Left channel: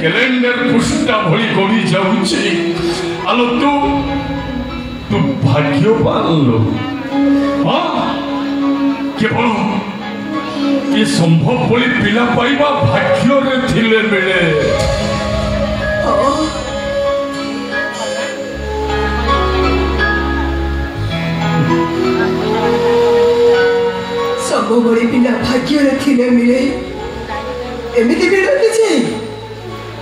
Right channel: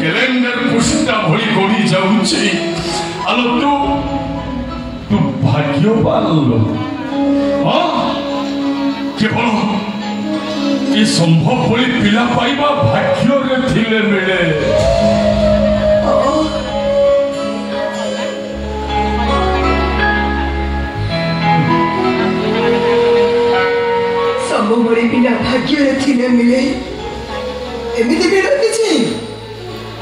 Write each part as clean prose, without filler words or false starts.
calendar Pushta भली गड़ी जाऊची आलो तू भाग्यवान लोग हाँ केवल ये संभव बोली पिला पाइबा भाग्य रे थिले मिले संभव बोली पिला भाग्य रे थिले मिले एमिति भी रखिछि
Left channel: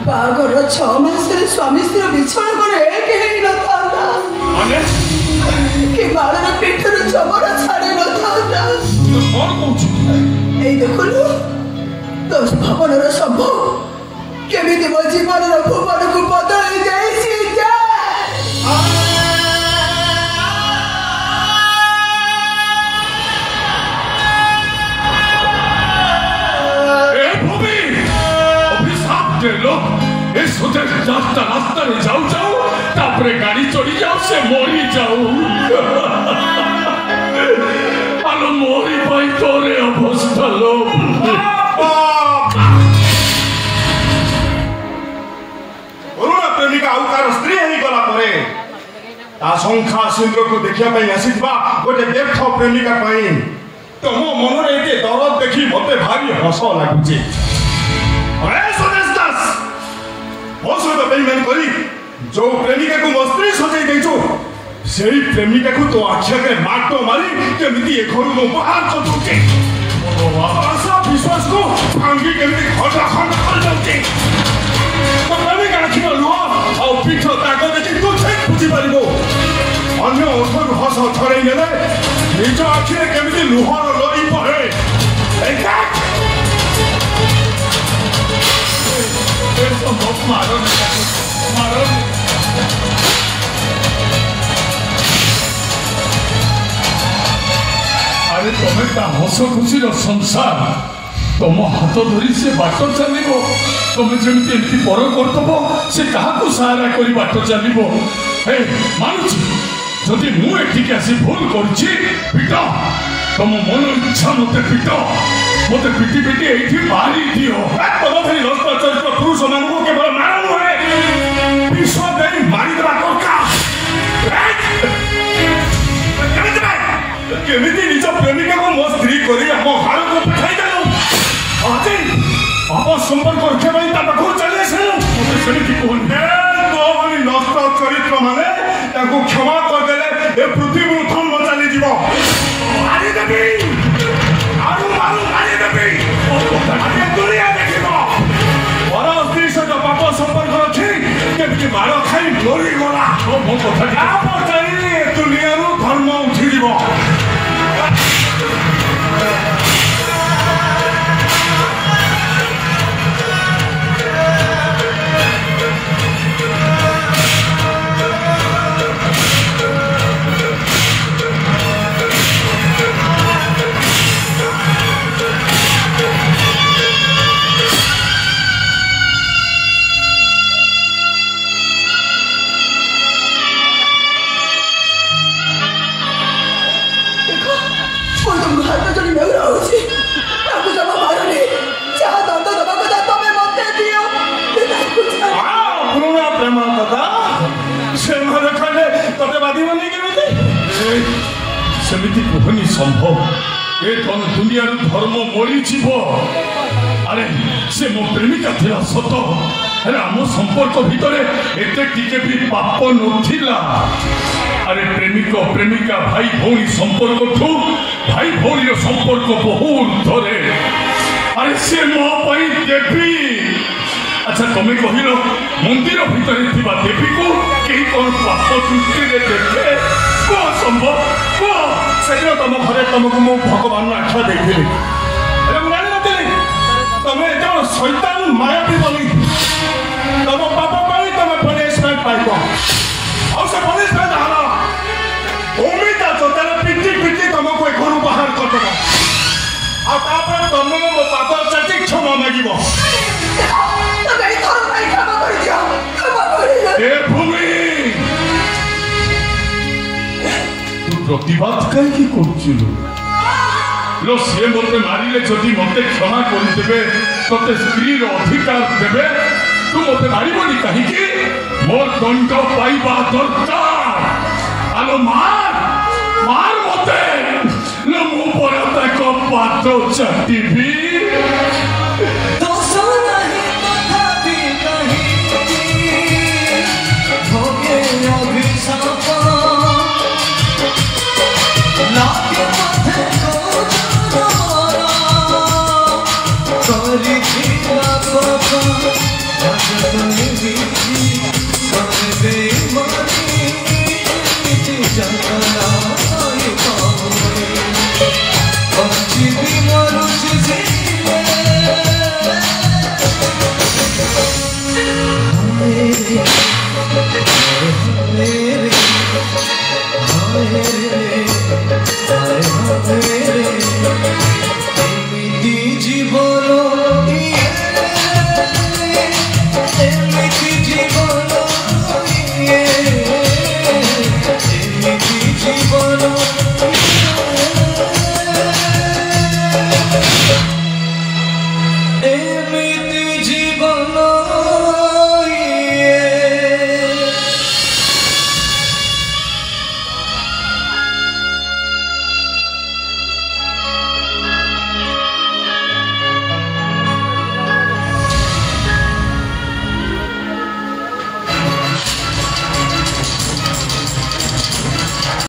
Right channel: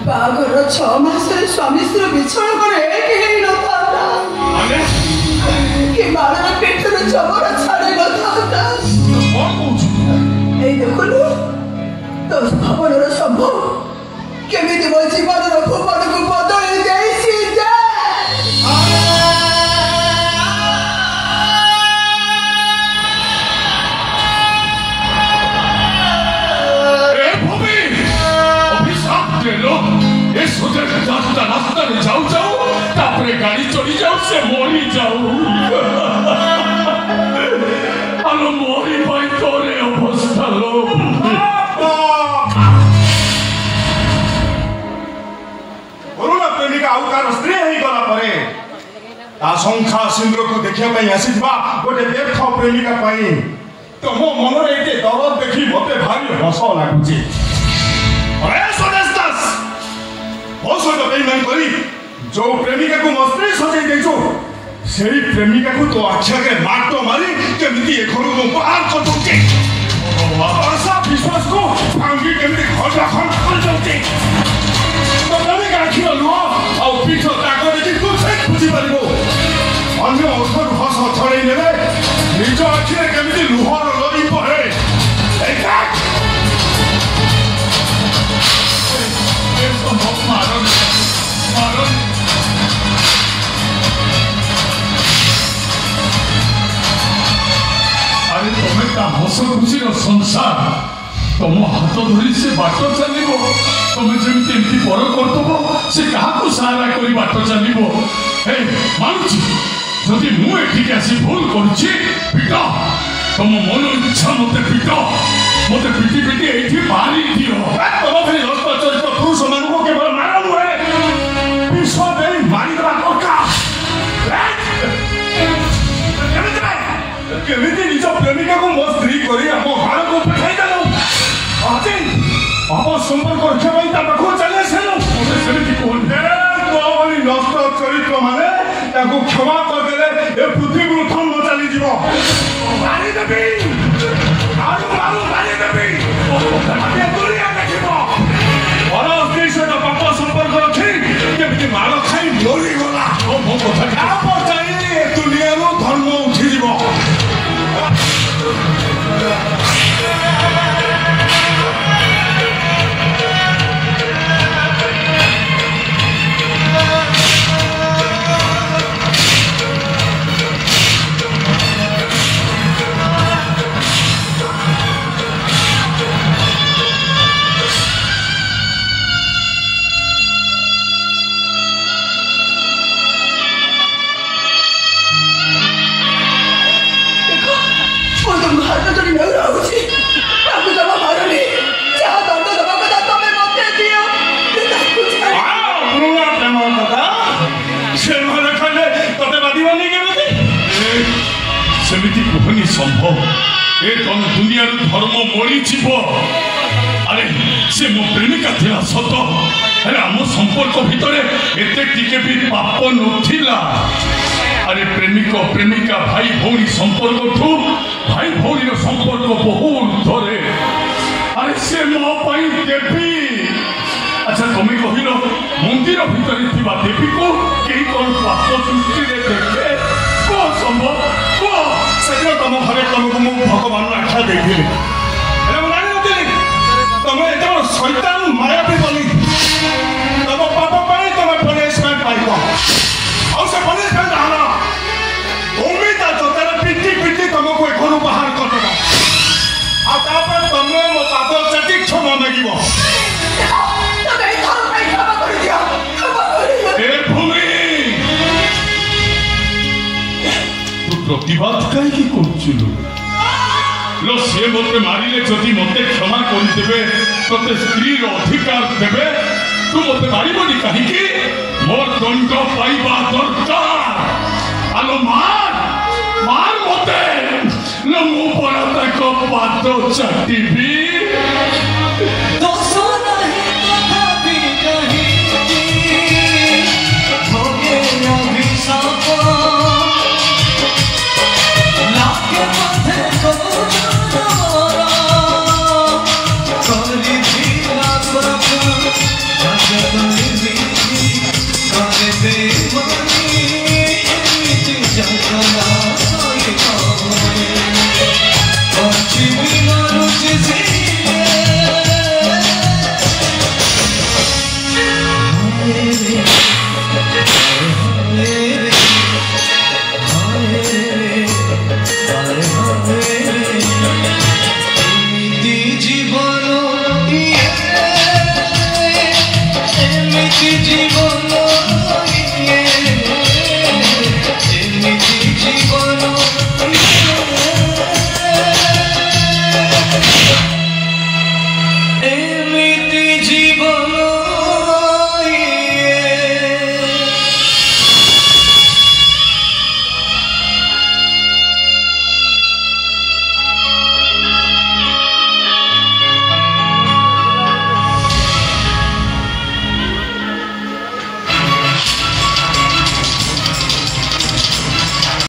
बागर 6 मास रे स्वामी स्त्री बिछड़ करे एके न थाता माने के बाळा पेट रे जबर छाड़े न थाता कौन कहू ए देखलु तो भवन रे संभव केमिति मो जीवन रे भवन को बदल देसी जा रास्ता जाऊ जाऊ तापरे गाड़ी चली जाऊ से मोरी जाऊ आलो मोरी भाई तोरे अवस्था लो पुरुना प्रेमिका आउकार स्त्री ही गला परे ता संख्या सिंद्र को देखिया पई आसीबा गोटे व्यर्थ प्रेमिका पई तो मो मन रे एते दरद देखि मते भारी हस लागुची अरे सुरेश दास हस तो बेईमान करी जो प्रेमिका को मस्त्री सजाई देछो सेही प्रेमिका को तो आखिया के मारतो मारी केमिति ए घर को बाहर कर दोचे आशा विश्वास को भांगी केमिति खजा खंड कर दोचे तो प्रेमिका आखिर लुह आ पीठ ताको देखि तू से खुशी पारिबो अन्य अर्थर हस थरै नेले निज आखिरे केमिति लुहर नदी पहे ए काट ये संभव मारो अरे तुम्हें का हस खुशी संसार तुम हाथ धरी से बाट चलो तुम्हें जमी एमती पर करदब से क्या सहारा कर बाट चलो मानुची जदि मुझे आसी भूल कर तुम मन इच्छा मत पिट मत पिटी पिटी ये मारी दियो तुम भाई लस्त चरित्र पुरुष मान केवल मार नुहे विष दे मारिदेवा दरकार केमिति निज प्रेमिका को मो स्त्री करी हम घर को पठाई देलु अजे अब संपर्क रखे पई ता पाखो चले से सेमिति कोन हे तो बनी नष्ट चरित्र माने ताको क्षमा कर देले ए पृथ्वी उठन न चली जीवो मारी देबी आलू आलू मारी देबी अरे दुनिया देखिबो और स्त्री से तो पाप संपर्क रखी केमिति मार खाई मोरी गला ओ मो कथा आ पर चली ए दुनिया नु धर्म उठी जीवो सेमिति कहनी संभव ए कौन दुनिया धर्म मरी जीव अरे से मो प्रेमिका थिला सत अरे आम संपर्क भितर एते टिके भी पाप नथिला अरे प्रेमिक प्रेमिका भाई भौणी संपर्क ठू भाई भौणी संपर्क बहुत धरे अरे से मो पाई देवी अच्छा तुम्हें कहल मंदिर भितर देवी को कहीं कौन पाप दृष्टि देखे कौन संभव से तुम घरे तुमको मु भगवान आख्या देखी तुम्हें जो शैतान मायावी बोली तुम पाप पाई तुम पनिशमेंट पाइब और से पनिशमेंट हाला उम्मीद जोतार पिटी पिटी तुमको घर बाहर करदेव तुमने मो पाप चेटी क्षमा मागिब प्रतिवाद कहीं कर सी मत मारे जदि मत क्षमा करदे ते स्त्री अधिकार देवे तू मत मारिबनी कहीं मोर दंड पाइबा दरकार आलो मार मार मते न मो पर ताको पातो चाटीबी तो सोनाही तथापि कहीं भोगे अभिशाप लागे पथे को जोरा करी थी बाबा